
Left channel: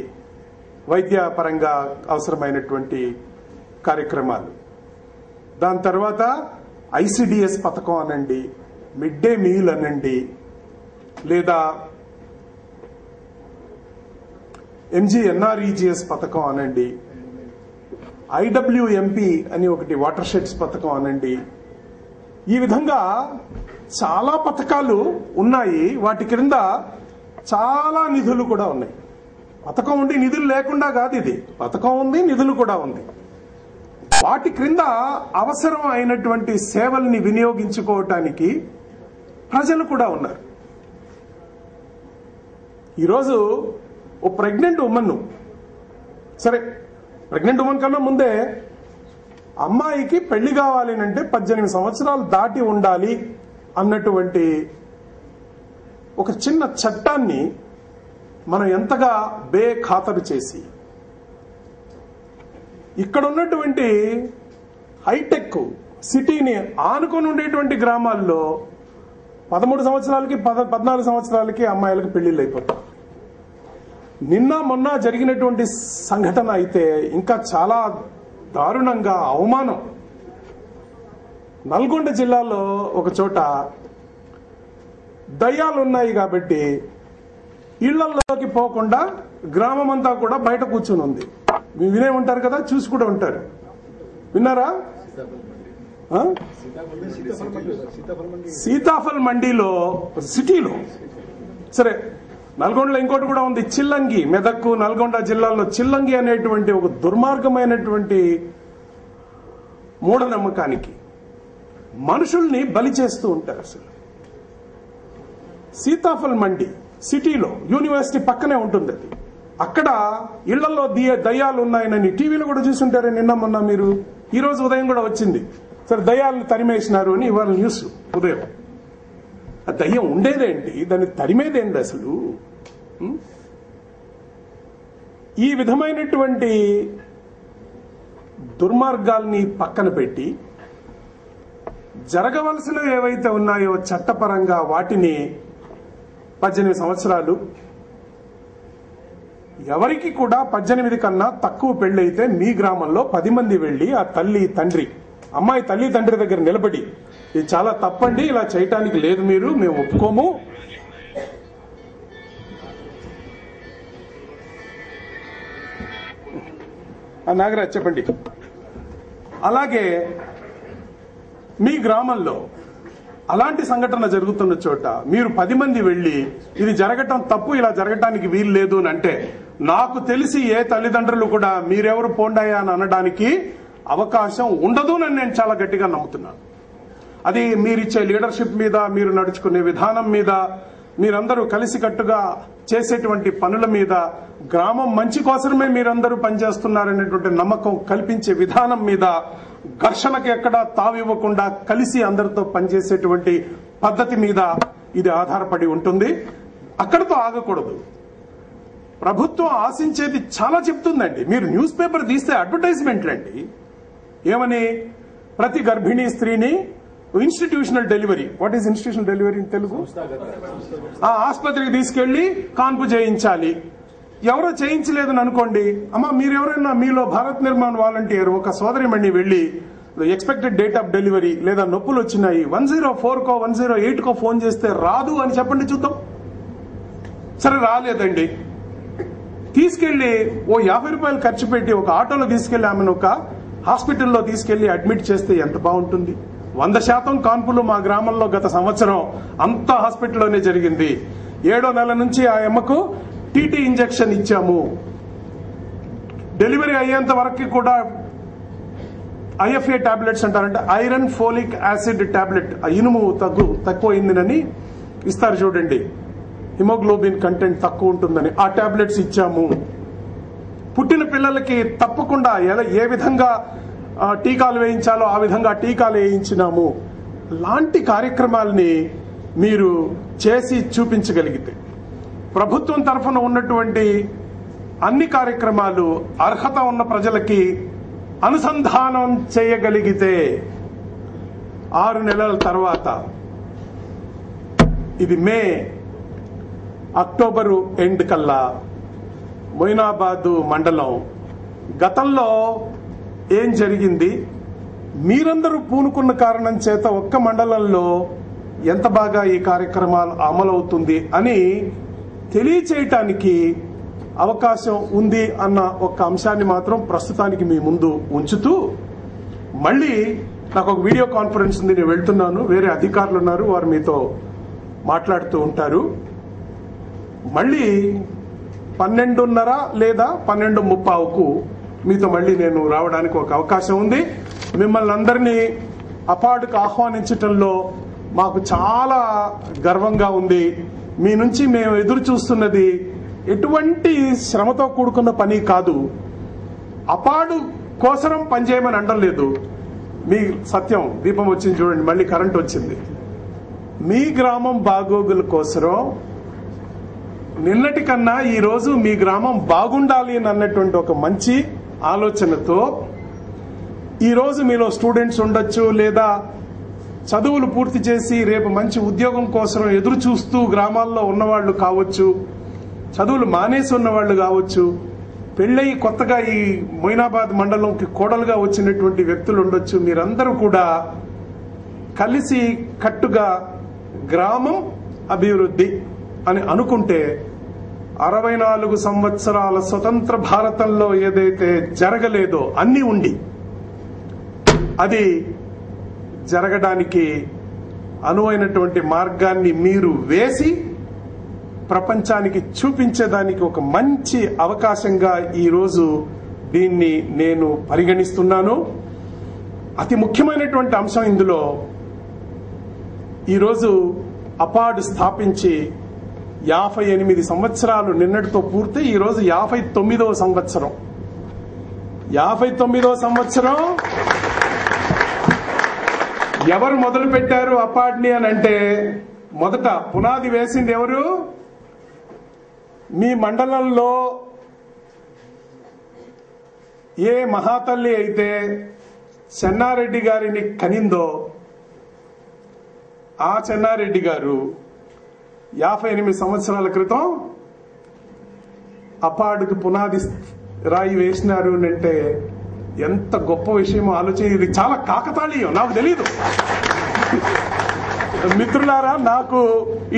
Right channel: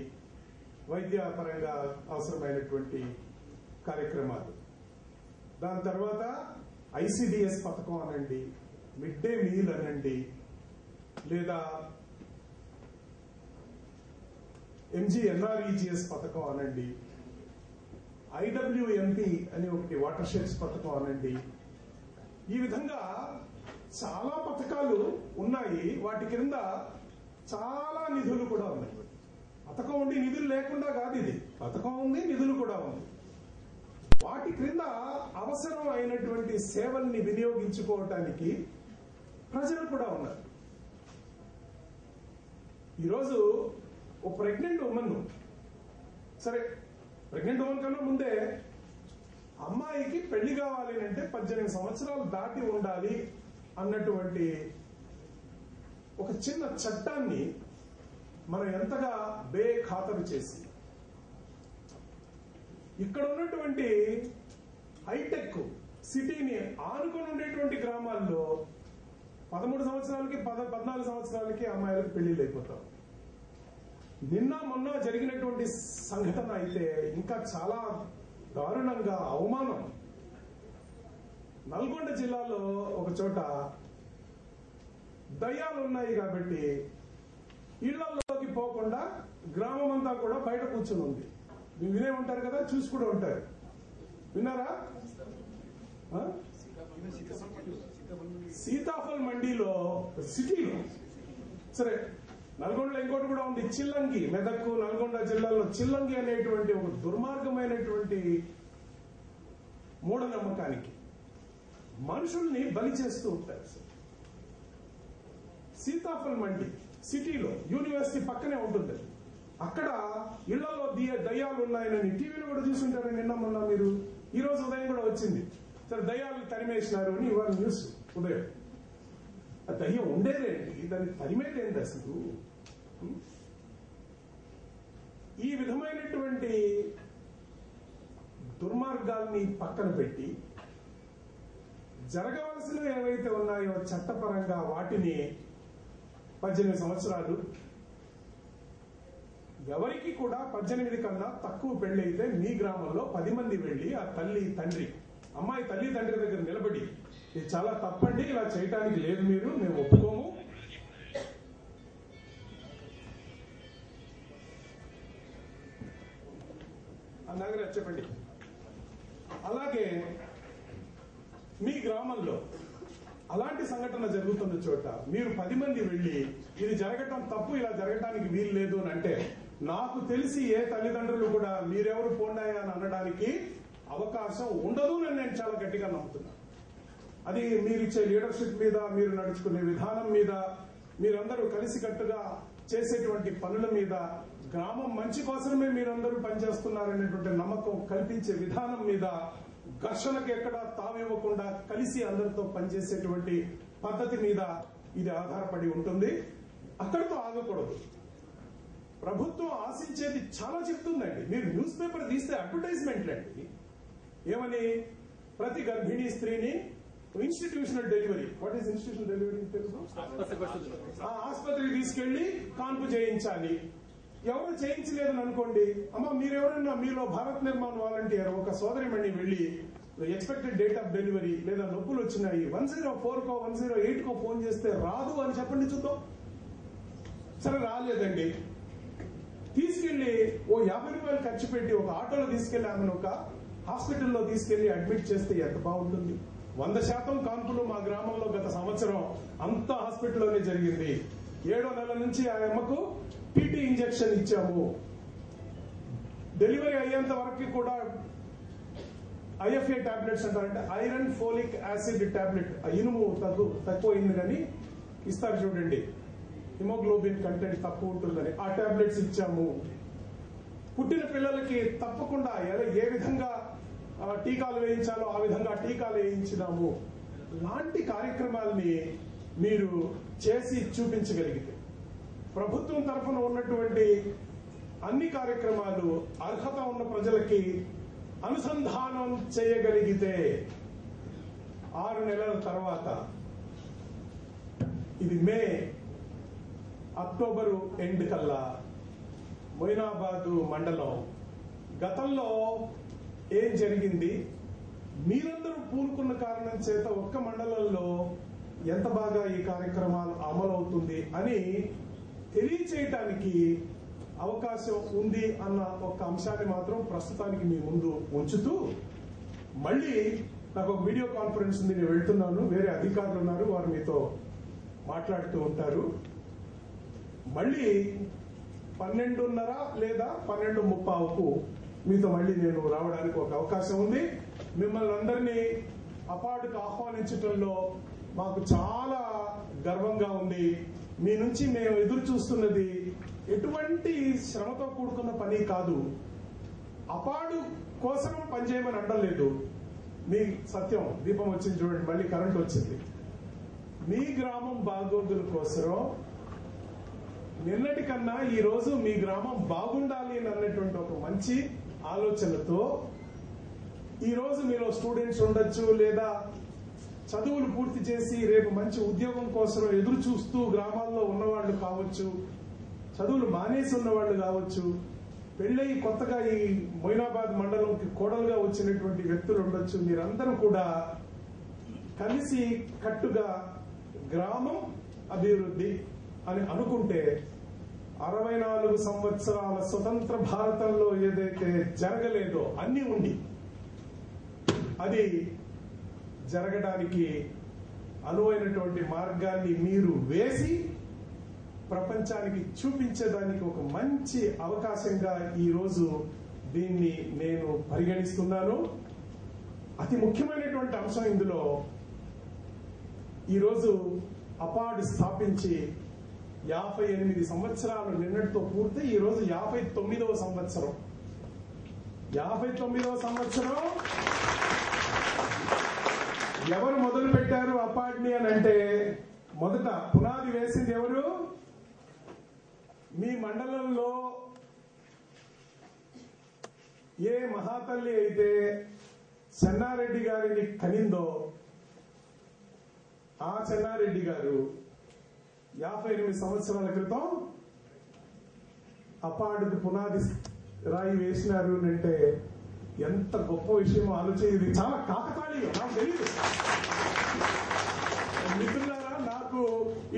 వైద్య పరంగా అవసరమైనటువంటి కార్యక్రమాలు. దాని తర్వాత ICDS పథకం అనండి, మిడ్ డే మీల్ అనండి, లేదా MGNREGS పథకం అనండి, IWMP అని ఒకటి వాటర్ షెడ్స్ పథకం అనండి. ఈ విధంగా చాలా పథకాలు ఉన్నాయి. వాటి క్రింద చాలా నిధులు కూడా ఉన్నాయి. పథకం ఉండి నిధులు లేకుండా కాదు, ఇది పథకం ఉంది, నిధులు కూడా ఉంది. వాటి క్రింద అవసరం అయినటువంటి సేవల్ని వినియోగించుకోవటానికి ప్రజలు కూడా ఉన్నారు. ఈరోజు ఓ ప్రెగ్నెంట్ ఉమెన్, సరే ప్రెగ్నెంట్ ఉమెన్ కన్నా ముందే అమ్మాయికి పెళ్లి కావాలి అంటే 18 సంవత్సరాలు దాటి ఉండాలి అన్నటువంటి ఒక చిన్న చట్టాన్ని మనం ఎంతగా బేఖాతరు చేసి, ఇక్కడ ఉన్నటువంటి హైటెక్ సిటీని ఆనుకొని ఉండేటువంటి గ్రామాల్లో 13 సంవత్సరాలకి 14 సంవత్సరాలకి అమ్మాయిలకు పెళ్లిళ్ళు అయిపోతాయి. నిన్న మొన్న జరిగినటువంటి సంఘటన అయితే ఇంకా చాలా దారుణంగా అవమానం. నల్గొండ జిల్లాలో ఒక చోట దయ్యాలు ఉన్నాయి కాబట్టి ఇళ్లలోకి పోకుండా గ్రామం అంతా కూడా బయట కూర్చుని ఉంది. మీరు వినే ఉంటారు కదా, చూసి కూడా ఉంటారు. విన్నారా? సీతాఫల్ మండీలో సిటీలో, సరే నల్గొండలో ఇంకోటి కూడా ఉంది, చిల్లంగి. మెదక్కు నల్గొండ జిల్లాలో చిల్లంగి అనేటువంటి ఒక దుర్మార్గమైనటువంటి మూఢనమ్మకానికి మనుషుల్ని బలి చేస్తూ ఉంటారు. అసలు సీతాఫల్ మండి సిటీలో యూనివర్సిటీ పక్కనే ఉంటుంది. అది అక్కడ ఇళ్లలో దయ్యాలు ఉన్నాయని టీవీలో కూడా చూసుంటారే నిన్న మొన్న. మీరు ఈ రోజు ఉదయం కూడా వచ్చింది, సరే దయ్యాలను తరిమేసినారు అని ఇవాళ న్యూస్ ఉదయం. ఆ దయ్యం ఉండేదేంటి, దాన్ని తరిమేదేంటి అసలు? ఈ విధమైనటువంటి దుర్మార్గాల్ని పక్కన పెట్టి జరగవలసినవి ఏవైతే ఉన్నాయో చట్టపరంగా వాటిని 18 సంవత్సరాలు, ఎవరికి కూడా 18 కన్నా తక్కువ పెళ్ళైతే మీ గ్రామంలో 10 మంది వెళ్ళి ఆ తల్లి తండ్రి, అమ్మాయి తల్లి తండ్రి దగ్గర నిలబడి ఇది చాలా తప్పండి, ఇలా చేయటానికి లేదు, మేము ఒప్పుకోము, నాగరాజ్ చెప్పండి. అలాగే మీ గ్రామంలో అలాంటి సంఘటన జరుగుతున్న చోట మీరు 10 మంది వెళ్ళి ఇది జరగటం తప్పు, ఇలా జరగటానికి వీలు లేదు అని అంటే, నాకు తెలిసి ఏ తల్లిదండ్రులు కూడా మీరెవరు పోండాయా అని అనడానికి అవకాశం ఉండదు అని నేను చాలా గట్టిగా నమ్ముతున్నాను. అది మీరిచ్చే లీడర్షిప్ మీద, మీరు నడుచుకునే విధానం మీద, మీరందరూ కలిసికట్టుగా చేసేటువంటి పనుల మీద, గ్రామం మంచి కోసమే మీరందరూ పనిచేస్తున్నారనేటువంటి నమ్మకం కల్పించే విధానం మీద, ఘర్షణకు ఎక్కడా తావివ్వకుండా కలిసి అందరితో పనిచేసేటువంటి పద్ధతి మీద ఇది ఆధారపడి ఉంటుంది. అక్కడితో ఆగకూడదు. ప్రభుత్వం ఆశించేది చాలా చెప్తుందండి. మీరు న్యూస్ పేపర్ తీస్తే అడ్వర్టైజ్మెంట్లండి. ఏమని? ప్రతి గర్భిణీ స్త్రీని institutional delivery, what is institutional delivery in Telugu? ఆసుపత్రికి తీసుకెళ్లి కాన్పు చేయించాలి. ఎవరో చేయించలేదని అనుకోండి, అమ్మ మీరెవరైనా మీలో భారత్ నిర్మాణ్ వాలంటీర్ ఒక సోదరిమణి వెళ్లి ఎక్స్పెక్టెడ్ డేట్ ఆఫ్ డెలివరీ లేదా నొప్పులు వచ్చినాయి 104కో 108కో ఫోన్ చేస్తే రాదు అని చెప్పండి చూద్దాం. సరే రాలేదండి, తీసుకెళ్లి ఓ 50 రూపాయలు ఖర్చు పెట్టి ఒక ఆటోలో తీసుకెళ్లి ఆమెను ఒక హాస్పిటల్లో తీసుకెళ్లి అడ్మిట్ చేస్తే ఎంత బాగుంటుంది. 100% కాన్పులు మా గ్రామంలో గత సంవత్సరం అంతా హాస్పిటల్లోనే జరిగింది. 7వ నెల నుంచి ఆ అమ్మకు టీటీ ఇంజెక్షన్ ఇచ్చాము. డెలివరీ అయ్యేంత వరకు కూడా ఐఎఫ్ఏ టాబ్లెట్స్ అంటారంటే ఐరన్ ఫోలిక్ యాసిడ్ టాబ్లెట్, ఇనుము తక్కువైందని ఇస్తారు చూడండి, హిమోగ్లోబిన్ కంటెంట్ తక్కువ ఉంటుందని ఆ టాబ్లెట్స్ ఇచ్చాము. పుట్టిన పిల్లలకి తప్పకుండా ఏ విధంగా టీకాలు వేయించాలో ఆ విధంగా టీకాలు వేయించినాము. లాంటి కార్యక్రమాలని మీరు చేసి చూపించగలిగితే, ప్రభుత్వం తరఫున ఉన్నటువంటి అన్ని కార్యక్రమాలు అర్హత ఉన్న ప్రజలకి అనుసంధానం చేయగలిగితే 6 నెలల తర్వాత, ఇది మే అక్టోబరు ఎండ్ కల్లా మొయినాబాదు మండలం గతంలో ఏం జరిగింది, మీరందరూ పూనుకున్న కారణం చేత ఒక్క మండలంలో ఎంత బాగా ఈ కార్యక్రమాలు అమలవుతుంది అని తెలియచేయటానికి అవకాశం ఉంది అన్న ఒక అంశాన్ని మాత్రం ప్రస్తుతానికి మీ ముందు ఉంచుతూ, మళ్ళీ నాకు ఒక వీడియో కాన్ఫరెన్స్ ఉంది, నేను వెళ్తున్నాను, వేరే అధికారులు ఉన్నారు, వారు మీతో మాట్లాడుతూ ఉంటారు. మళ్ళీ 12:30 లేదా 12:30కు మీతో మళ్ళీ నేను రావడానికి ఒక అవకాశం ఉంది. మిమ్మల్ని అందరినీ అపార్డుకు ఆహ్వానించటంలో మాకు చాలా గర్వంగా ఉంది. మీ నుంచి మేము ఎదురు చూస్తున్నది ఎటువంటి శ్రమతో కూడుకున్న పని కాదు. అపార్డు కోసరం పనిచేయమని అనడం లేదు. మీ సత్యం దీపం వచ్చింది చూడండి, మళ్ళీ కరెంట్ వచ్చింది. మీ గ్రామం బాగోగుల కోసరం నిన్నటి కన్నా ఈ రోజు మీ గ్రామం బాగుండాలి అన్నటువంటి ఒక మంచి ఆలోచనతో ఈ రోజు మీలో స్టూడెంట్స్ ఉండొచ్చు, లేదా చదువులు పూర్తి చేసి రేపు మంచి ఉద్యోగం కోసం ఎదురు చూస్తూ గ్రామాల్లో ఉన్నవాళ్లు కావచ్చు, చదువులు మానేసి ఉన్నవాళ్లు కావచ్చు, పెళ్ళయి కొత్తగా ఈ మొయినాబాద్ మండలంకి కోడలుగా వచ్చినటువంటి వ్యక్తులు ఉండొచ్చు. మీరందరూ కూడా కలిసి కట్టుగా గ్రామం అభివృద్ధి అని అనుకుంటే 64 సంవత్సరాల స్వతంత్ర భారతంలో ఏదైతే జరగలేదో అన్నీ ఉండి అది జరగడానికి అనువైనటువంటి మార్గాన్ని మీరు వేసి ప్రపంచానికి చూపించేదానికి ఒక మంచి అవకాశంగా ఈరోజు దీన్ని నేను పరిగణిస్తున్నాను. అతి ముఖ్యమైనటువంటి అంశం ఇందులో, ఈరోజు అపార్డు స్థాపించి 58 సంవత్సరాలు నిన్నటితో పూర్తి, ఈరోజు 59వ సంవత్సరం. 59వ సంవత్సరం ఎవరు మొదలు పెట్టారు అపార్డ్ని అని అంటే, మొదట పునాది వేసింది ఎవరు? మీ మండలంలో ఏ మహాతల్లి అయితే చెన్నారెడ్డి గారిని కనిందో ఆ చెన్నారెడ్డి గారు 58 సంవత్సరాల క్రితం అపార్డుకు పునాది రాయి వేసినారు అంటే ఎంత గొప్ప విషయమో ఆలోచన. ఇది చాలా కాకతాళీయం, నాకు తెలీదు మిత్రులారా, నాకు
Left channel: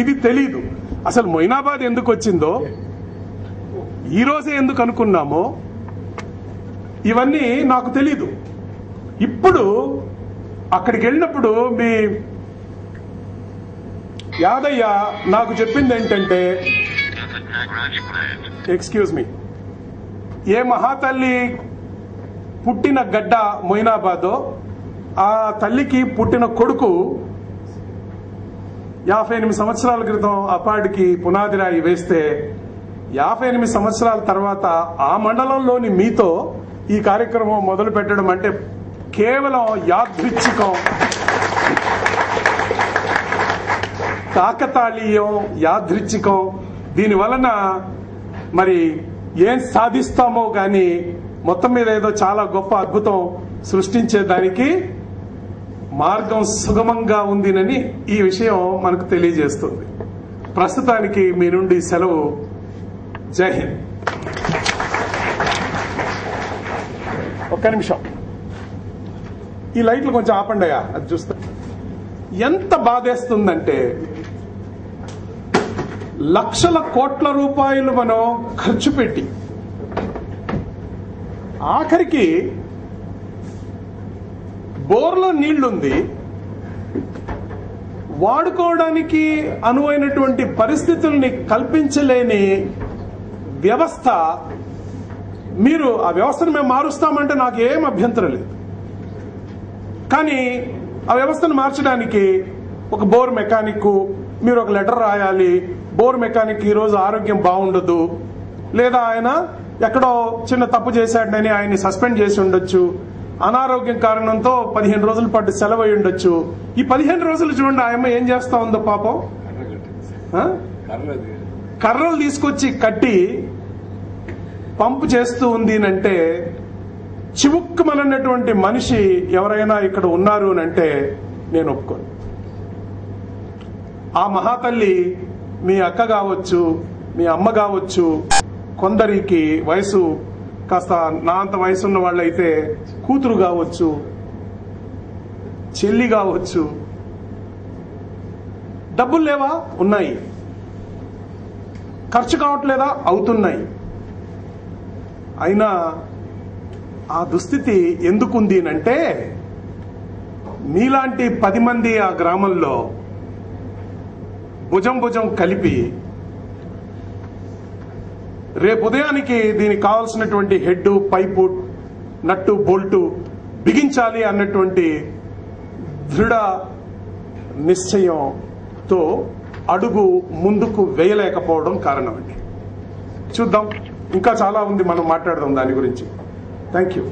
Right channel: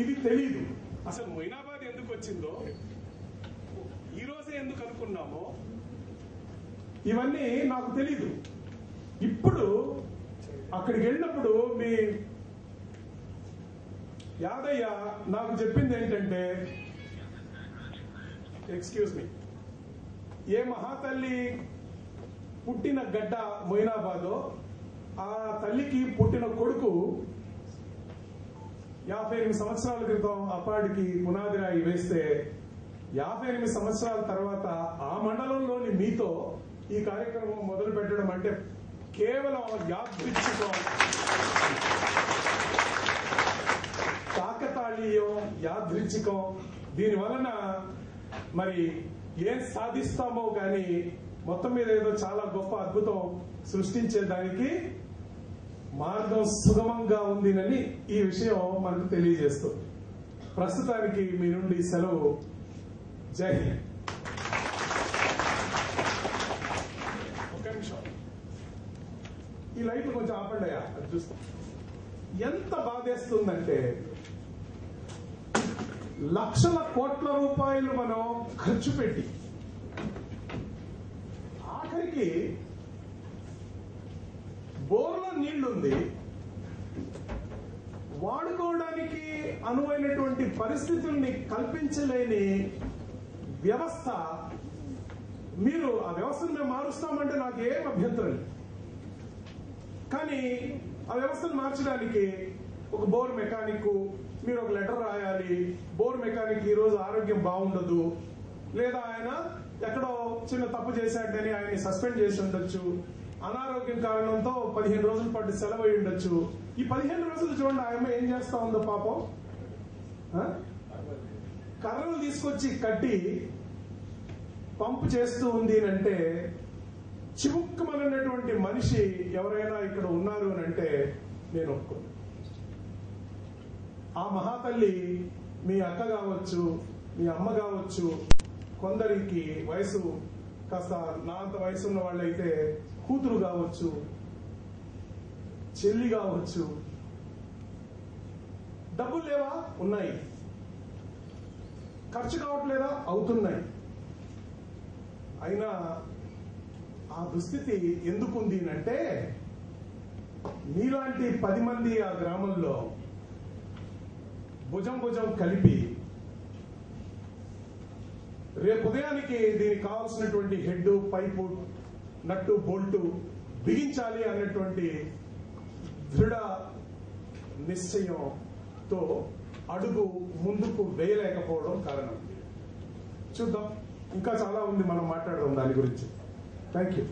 ఇది తెలీదు. అసలు మొయినాబాద్ ఎందుకు వచ్చిందో, ఈ రోజే ఎందుకు అనుకున్నామో ఇవన్నీ నాకు తెలీదు. ఇప్పుడు అక్కడికి వెళ్ళినప్పుడు మీ యాదయ్య నాకు చెప్పింది ఏంటంటే, ఎక్స్క్యూజ్ మీ, ఏ మహాతల్లి పుట్టిన గడ్డ మొయినాబాదో ఆ తల్లికి పుట్టిన కొడుకు 58 సంవత్సరాల క్రితం అపాడికి పునాది రాయి వేస్తే 58 సంవత్సరాల తర్వాత ఆ మండలంలోని మీతో ఈ కార్యక్రమం మొదలు పెట్టడం అంటే కేవలం యాదృచ్ఛికం, కాకతాళీయం, యాదృచ్ఛికం. దీని వలన మరి ఏం సాధిస్తామో కానీ మొత్తం మీద ఏదో చాలా గొప్ప అద్భుతం సృష్టించేదానికి మార్గం సుగమంగా ఉందినని ఈ విషయం మనకు తెలియజేస్తుంది. ప్రస్తుతానికి మీ నుండి సెలవు. జై హింద్. ఒక్క నిమిషం, ఈ లైట్లు కొంచెం ఆపండియా, అది చూస్తా. ఎంత బాధేస్తుందంటే లక్షల కోట్ల రూపాయలు మనం ఖర్చు పెట్టి ఆఖరికి బోర్లో నీళ్లుంది, వాడుకోవడానికి అనువైనటువంటి పరిస్థితుల్ని కల్పించలేని వ్యవస్థ. మీరు ఆ వ్యవస్థను మేము మారుస్తామంటే నాకు ఏం అభ్యంతరం లేదు, కానీ ఆ వ్యవస్థను మార్చడానికి ఒక బోర్ మెకానిక్ మీరు ఒక లెటర్ రాయాలి. బోర్ మెకానిక్ ఈరోజు ఆరోగ్యం బాగుండదు, లేదా ఆయన ఎక్కడో చిన్న తప్పు చేశాడని ఆయన్ని సస్పెండ్ చేసి ఉండొచ్చు, అనారోగ్యం కారణంతో 15 రోజుల పాటు సెలవు అయి ఉండొచ్చు. ఈ 15 రోజులు చూడండి ఆయమ్మ ఏం చేస్తా ఉందో పాపం. కర్రలు తీసుకొచ్చి కట్టి పంపు చేస్తూ ఉంది అంటే చివుక్కుమన్నటువంటి మనిషి ఎవరైనా ఇక్కడ ఉన్నారు అంటే నేను ఒప్పుకోను. ఆ మహాతల్లి మీ అక్క కావచ్చు, మీ అమ్మ కావచ్చు, కొందరికి వయసు కాస్త నా అంత వయసు ఉన్న వాళ్ళైతే కూతురు కావచ్చు, చెల్లి కావచ్చు. డబ్బులు లేవా? ఉన్నాయి. ఖర్చు కావట్లేదా? అవుతున్నాయి. అయినా ఆ దుస్థితి ఎందుకుంది అంటే మీలాంటి 10 మంది ఆ గ్రామంలో భుజం భుజం కలిపి రేపు ఉదయానికి దీనికి కావాల్సినటువంటి హెడ్, పైపు, నట్టు, బోల్టు బిగించాలి అన్నటువంటి దృఢ నిశ్చయంతో అడుగు ముందుకు వేయలేకపోవడం కారణం అండి. చూద్దాం, ఇంకా చాలా ఉంది, మనం మాట్లాడదాం దాని గురించి. Thank you.